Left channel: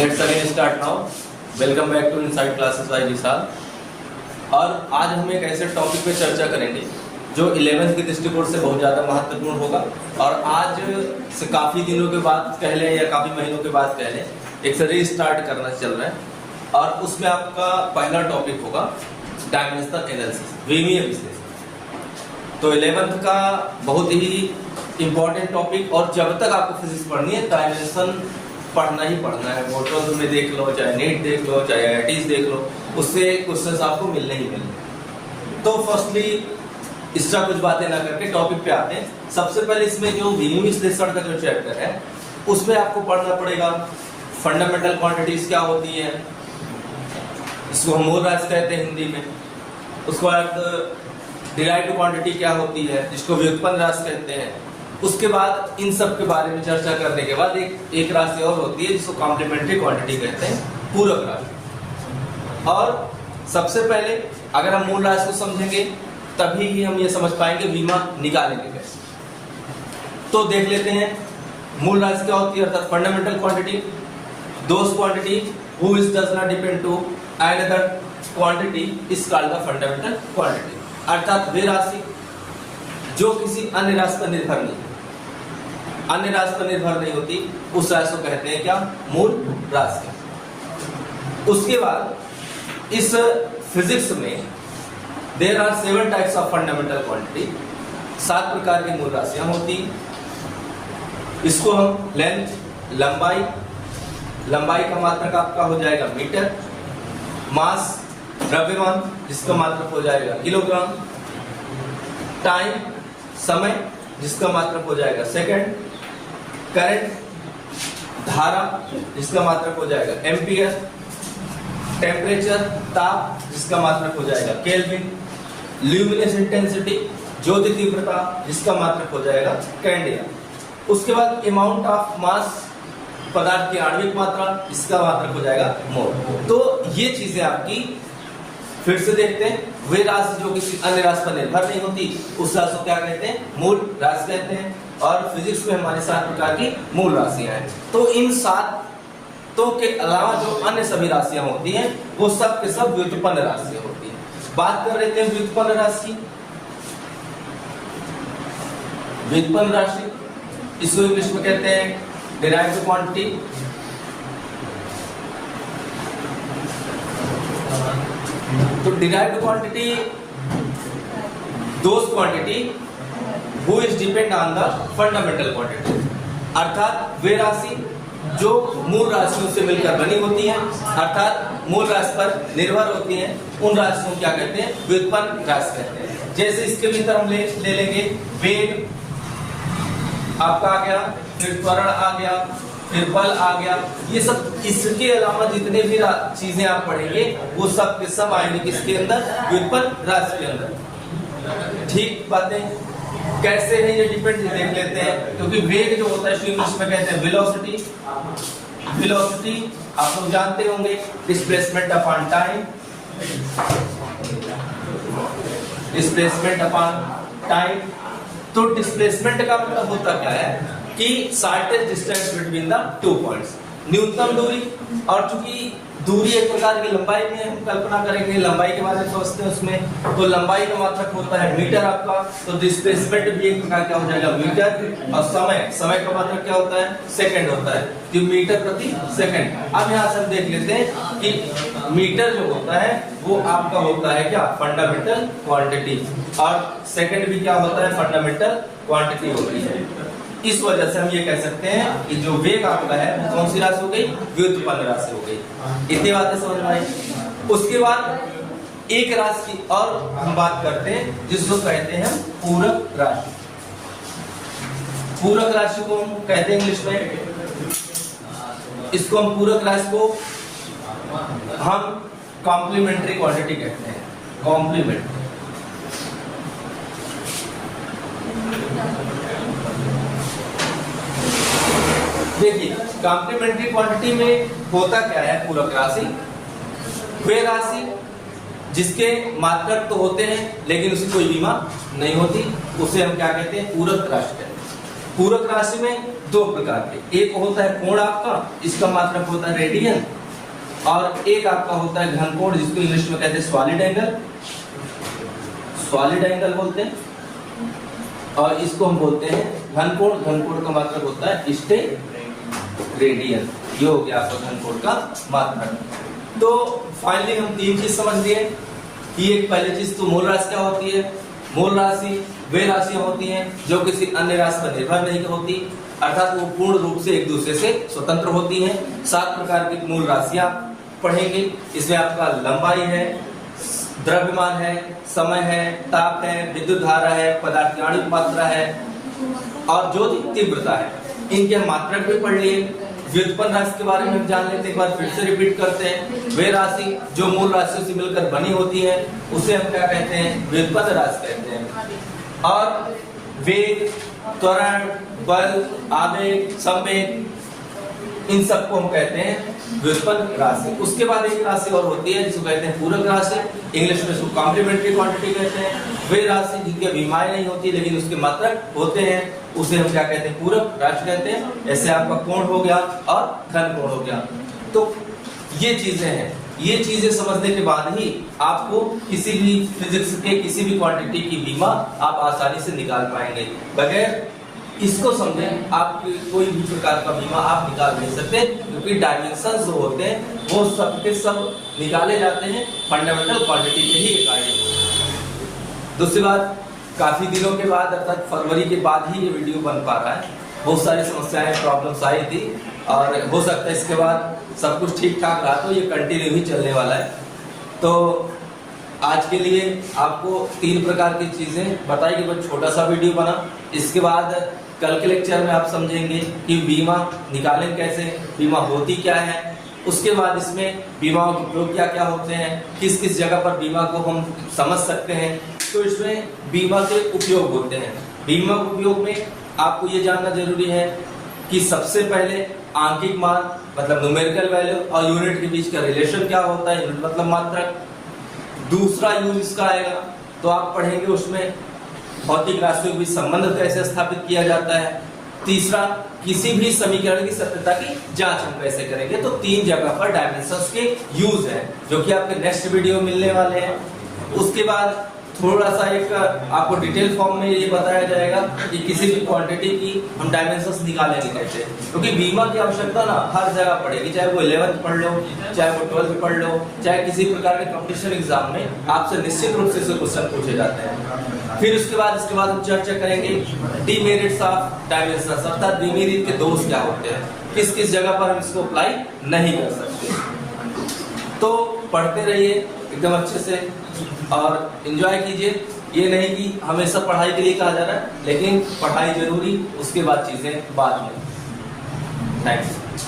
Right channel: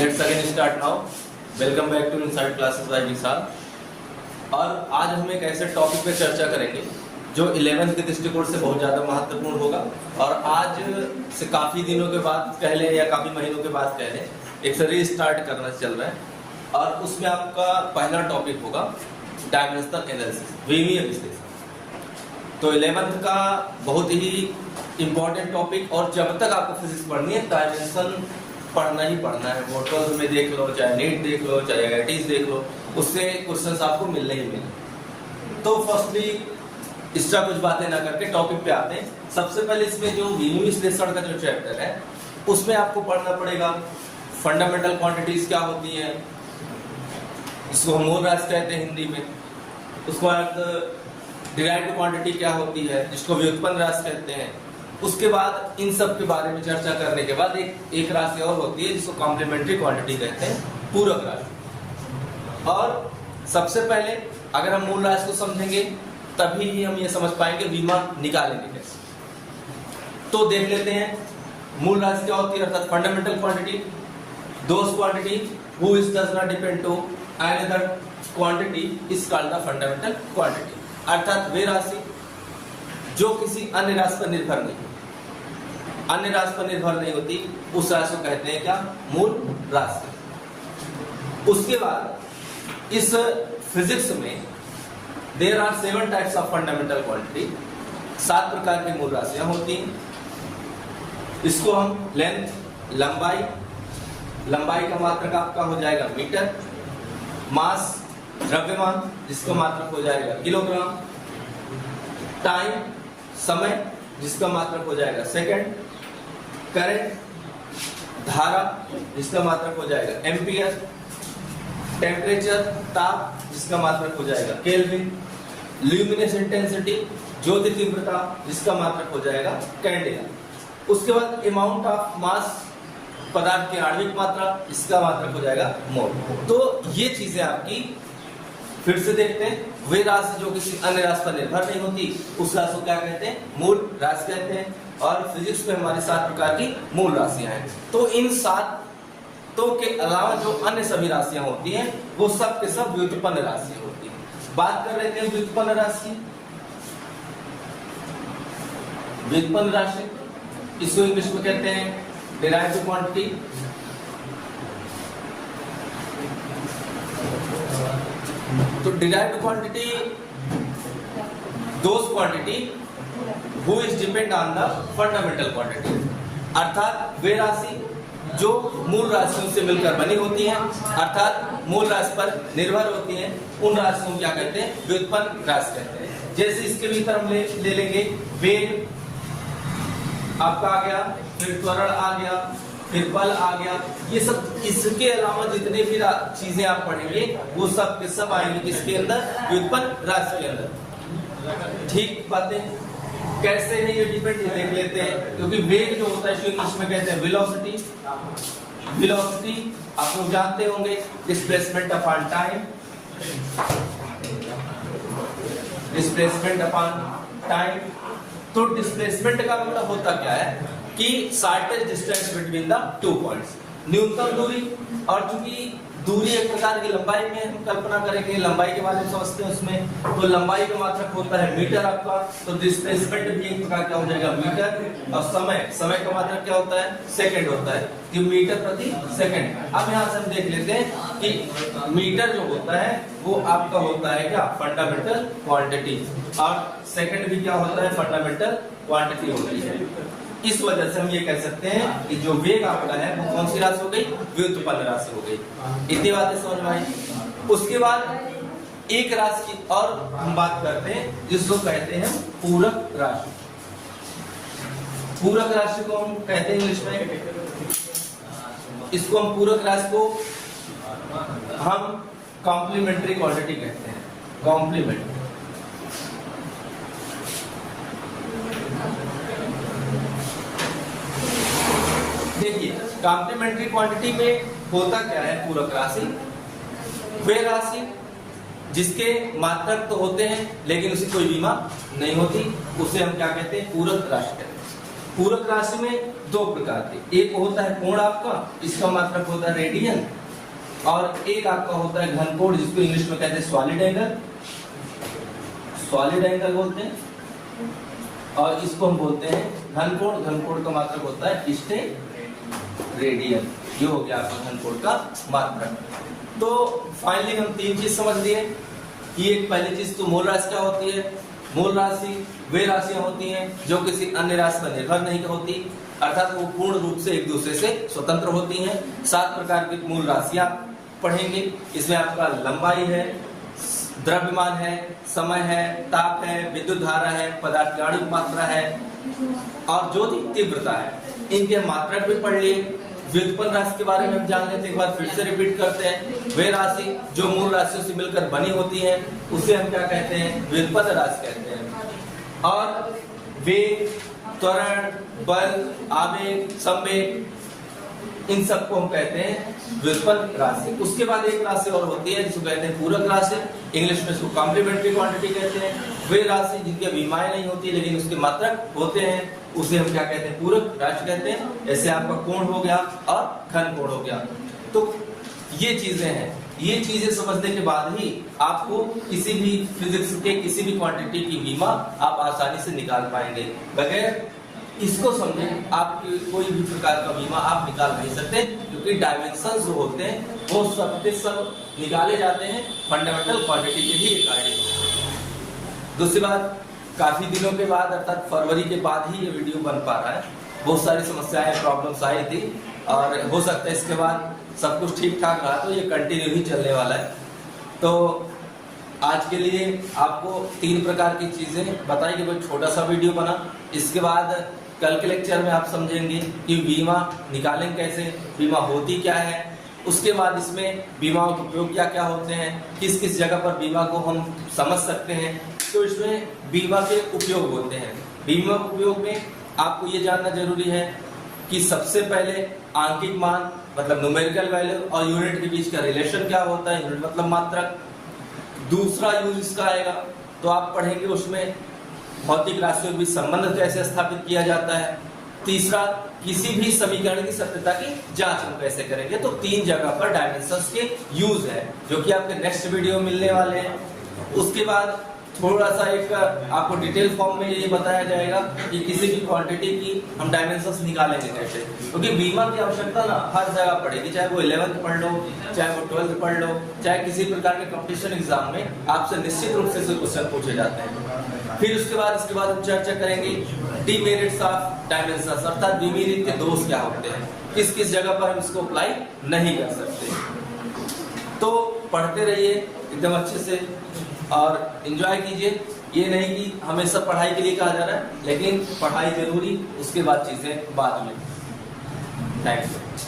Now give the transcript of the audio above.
Let's again start now. Welcome back to inside classes by Vishal. और आज हम एक ऐसे टॉपिक पे चर्चा करेंगे जो 11th के दृष्टिकोण से बहुत ज़्यादा महत्वपूर्ण होगा। और आज से काफ़ी दिनों के बाद कह लें या काफ़ी महीनों के बाद कह लें एक से रीस्टार्ट करना चल रहा है। और उसमें आपका पहला टॉपिक होगा डायमेंशनल एनालिसिस, विमीय विश्लेषण। तो 11th का बहुत ही इम्पोर्टेंट टॉपिक, और जब तक आपको फिजिक्स पढ़नी है डायमेंशन पढ़ना ही पढ़ना है। वो 12th में देख लो, चाहे नेट देख लो, चाहे IITs देख लो, उससे क्वेश्चंस आपको मिलने ही मिलने। तो फर्स्टली इसका कुछ बातें ना करके टॉपिक पे आते हैं। सबसे पहले इसमें जो विमीय विश्लेषण का जो चैप्टर है उसमें आपको पढ़ना पड़ेगा फंडामेंटल क्वांटिटीज क्या होती है, इसको हम मूल राशि कहते हैं हिंदी में। उसके बाद डिराइव्ड क्वांटिटी क्या होती है, जिसको व्युत्पन्न राशि कहते हैं। उसके बाद इन सब के बारे में चर्चा करने के बाद एक राशि और होती है जिसको कॉम्प्लीमेंट्री क्वांटिटी कहते हैं, पूरक राशि। और सबसे पहले अगर हम मूल राशि को समझेंगे तभी ही हम ये समझ पाएंगे विमा निकालेंगे कैसे। तो देख लेते हैं मूल राशि क्या होती है, अर्थात fundamental quantity, those quantity which does not depend to another quantity is called the fundamental quantity. अर्थात वे राशि जो किसी अन्य राशि पर निर्भर नहीं, अन्य राशि पर निर्भर नहीं होती, उस राशि को कहते हैं क्या, मूल राशि। उसके बाद इस फिजिक्स में there are 7 types of fundamental quantity, 7 प्रकार की मूल राशियां होती हैं। इसको हम लेंथ, लंबाई, लंबाई का मात्रक आपका हो जाएगा मीटर, मास द्रव्यमान जिसका मात्रक हो जाएगा किलोग्राम, टाइम समय जिसका मात्रक हो जाएगा सेकंड, करंट धारा जिसका मात्रक हो जाएगा एम्पियर, टेम्परेचर ताप जिसका मात्रक हो जाएगा केल्विन, ल्यूमिनस इंटेंसिटी ज्योति तीव्रता जिसका मात्रक हो जाएगा कैंडेला। उसके बाद अमाउंट ऑफ मास पदार्थ की आणविक मात्रा इसका मात्रक हो जाएगा मोल। तो ये चीजें आपकी फिर से देखते हैं। वे राशि जो किसी अन्य राशि पर निर्भर नहीं होती उस राशि को क्या कहते हैं, मूल राशि कहते हैं। और फिजिक्स में हमारी 7 प्रकार की मूल राशियां हैं। तो इन 7 के अलावा जो अन्य सभी राशियां होती हैं वो सब के सब व्युत्पन्न राशियां होती हैं। बात कर रहे थे व्युत्पन्न राशि, व्युत्पन्न राशि इसको इंग्लिश में कहते हैं डिराइव्ड क्वांटिटी। तो derived quantity those quantity which depend on the fundamental quantity, अर्थात वे राशि जो मूल राशियों से मिलकर बनी होती हैं, अर्थात मूल राशि पर निर्भर होती हैं, उन राशियों को क्या कहते हैं, व्युत्पन्न राशि कहते हैं। जैसे इसके भीतर हम ले लेंगे वेग आपका आ गया, फिर त्वरण आ गया, फिर बल आ गया। ये सब इसके अलावा जितने भी चीजें आप पढ़ेंगे वो सब के सब आएंगे किसके अंदर, व्युत्पन्न राशि के अंदर। ठीक बातें कैसे है ये डिपेंड देख लेते हैं। क्योंकि वेग जो होता है इंग्लिश में कहते हैं वेलोसिटी, वेलोसिटी आप लोग जानते होंगे, displacement upon time, displacement upon time. तो डिस्प्लेसमेंट का मतलब होता क्या है कि shortest distance between the 2 points, न्यूनतम दूरी। और चूंकि दूरी एक प्रकार की लंबाई में हम कल्पना करेंगे, लंबाई के बारे में समझते हैं उसमें, तो लंबाई का मात्रक होता है मीटर आपका, तो डिस्प्लेसमेंट भी एक प्रकार क्या हो जाएगा मीटर। और समय का मात्रक क्या होता है, सेकंड होता है, कि मीटर प्रति सेकंड। अब यहाँ से हम देख लेते हैं कि मीटर जो होता है वो आपका होता है क्या, फंडामेंटल क्वांटिटी, और सेकंड भी क्या होता है, फंडामेंटल क्वांटिटी होती है। इस वजह से हम ये कह सकते हैं कि जो वेग आपका है वो कौन सी राशि हो गई, व्युत्पन्न राशि हो गई। इतनी बातें समझ में आई। उसके बाद एक राशि की और हम बात करते हैं जिसको कहते हैं पूरक राशि। पूरक राशि को हम कहते हैं इंग्लिश में, इसको हम पूरक राशि को हम कॉम्प्लीमेंट्री क्वांटिटी कहते हैं, कॉम्प्लीमेंट। देखिए कॉम्प्लीमेंट्री क्वांटिटी में होता क्या है, पूरक राशि वे राशि जिसके मात्रक तो होते हैं लेकिन उसकी कोई विमा नहीं होती, उसे हम क्या कहते हैं, पूरक राशि कहते हैं। पूरक राशि में दो प्रकार के, एक होता है कोण आपका, इसका मात्रक होता है रेडियन, और एक आपका होता है घनकोण, जिसको इंग्लिश में कहते हैं सॉलिड एंगल, सॉलिड एंगल बोलते हैं, और इसको हम बोलते हैं घनकोण। घनकोण का मात्रक होता है स्टेरेडियन। ये हो गया आपका घनकोण का मात्रक। तो फाइनली हम तीन चीज समझ लिए कि एक पहली चीज तो मूल राशि क्या होती है। मूल राशि वे राशियां होती हैं जो किसी अन्य राशि पर निर्भर नहीं होती, अर्थात वो पूर्ण रूप से एक दूसरे से स्वतंत्र होती हैं। 7 प्रकार की मूल राशियां पढ़ेंगे। इसमें आपका लंबाई है, द्रव्यमान है, समय है, ताप है, विद्युत धारा है, पदार्थ की आणविक मात्रा है और ज्योति तीव्रता है। इनके हम मात्रक भी पढ़ लिए। व्युत्पन्न राशि के बारे में हम जान लेते हैं, एक बार फिर से रिपीट करते हैं। वे राशि जो मूल राशियों से मिलकर बनी होती है उसे हम क्या कहते हैं, व्युत्पन्न राशि कहते हैं। और वेग, त्वरण, बल, आवेग, संवेग, इन सबको हम कहते हैं व्युत्पन्न राशि। उसके बाद एक राशि और होती है जिसको कहते हैं पूरक राशि, इंग्लिश में इसको कॉम्प्लीमेंट्री क्वांटिटी कहते हैं। वे राशि जिनके विमाएं नहीं होती लेकिन उसके मात्रक होते हैं उसे हम क्या कहते हैं, पूरक राशि कहते हैं। जैसे आपका कोण हो गया और घनकोण हो गया। तो ये चीजें हैं, ये चीजें समझने के बाद ही आपको किसी भी फिजिक्स के किसी भी क्वांटिटी की विमा आप आसानी से निकाल पाएंगे। बगैर इसको समझे आप कोई भी प्रकार का बीमा आप निकाल नहीं सकते, क्योंकि डायमेंशन जो होते हैं वो सब के सब निकाले जाते हैं फंडामेंटल क्वांटिटी के ही अकॉर्डिंग। दूसरी बात, काफी दिनों के बाद अर्थात फरवरी के बाद ही ये वीडियो बन पा रहा है। बहुत सारी समस्याएं, प्रॉब्लम्स आई थी और हो सकता है इसके बाद सब कुछ ठीक ठाक रहा तो ये कंटिन्यू ही चलने वाला है। तो आज के लिए आपको 3 प्रकार की चीजें बताई कि बहुत छोटा सा वीडियो बना। इसके बाद कल के लेक्चर में आप समझेंगे कि बीमा निकालें कैसे, बीमा होती क्या है, उसके बाद इसमें बीमाओं के उपयोग क्या क्या होते हैं, किस किस जगह पर बीमा को हम समझ सकते हैं। तो इसमें बीमा के उपयोग होते हैं। बीमा के उपयोग में आपको ये जानना जरूरी है कि सबसे पहले आंकिक मान मतलब न्यूमेरिकल वैल्यू और यूनिट के बीच का रिलेशन क्या होता है, यूनिट मतलब मात्रक। दूसरा यूज इसका आएगा तो आप पढ़ेंगे उसमें भौतिक राशियों के बीच संबंध कैसे स्थापित किया जाता है। तीसरा, किसी भी समीकरण की सत्यता की जांच हम कैसे करेंगे। तो 3 जगह पर डायमेंशंस के यूज हैं जो कि आपके नेक्स्ट वीडियो में मिलने वाले हैं। उसके बाद थोड़ा सा एक आपको डिटेल फॉर्म में ये बताया जाएगा कि किसी भी क्वांटिटी की हम डायमेंशंस निकालेंगे कैसे, क्योंकि बीमा की आवश्यकता ना हर जगह पड़ेगी, चाहे वो 11th पढ़ लो, चाहे वो 12th पढ़ लो, चाहे किसी प्रकार के कंपटीशन एग्जाम में आपसे निश्चित रूप से क्वेश्चन पूछे जाते हैं। फिर उसके बाद हम चर्चा करेंगे डीमेरिट्स ऑफ डायमेंशंस, अर्थात डीमेरिट के दोष क्या होते हैं, किस किस जगह पर हम इसको अप्लाई नहीं कर सकते। तो पढ़ते रहिए एकदम अच्छे से और एंजॉय कीजिए। ये नहीं कि हमेशा पढ़ाई के लिए कहा जा रहा है, लेकिन पढ़ाई जरूरी, उसके बाद चीजें बाद में। थैंक्स।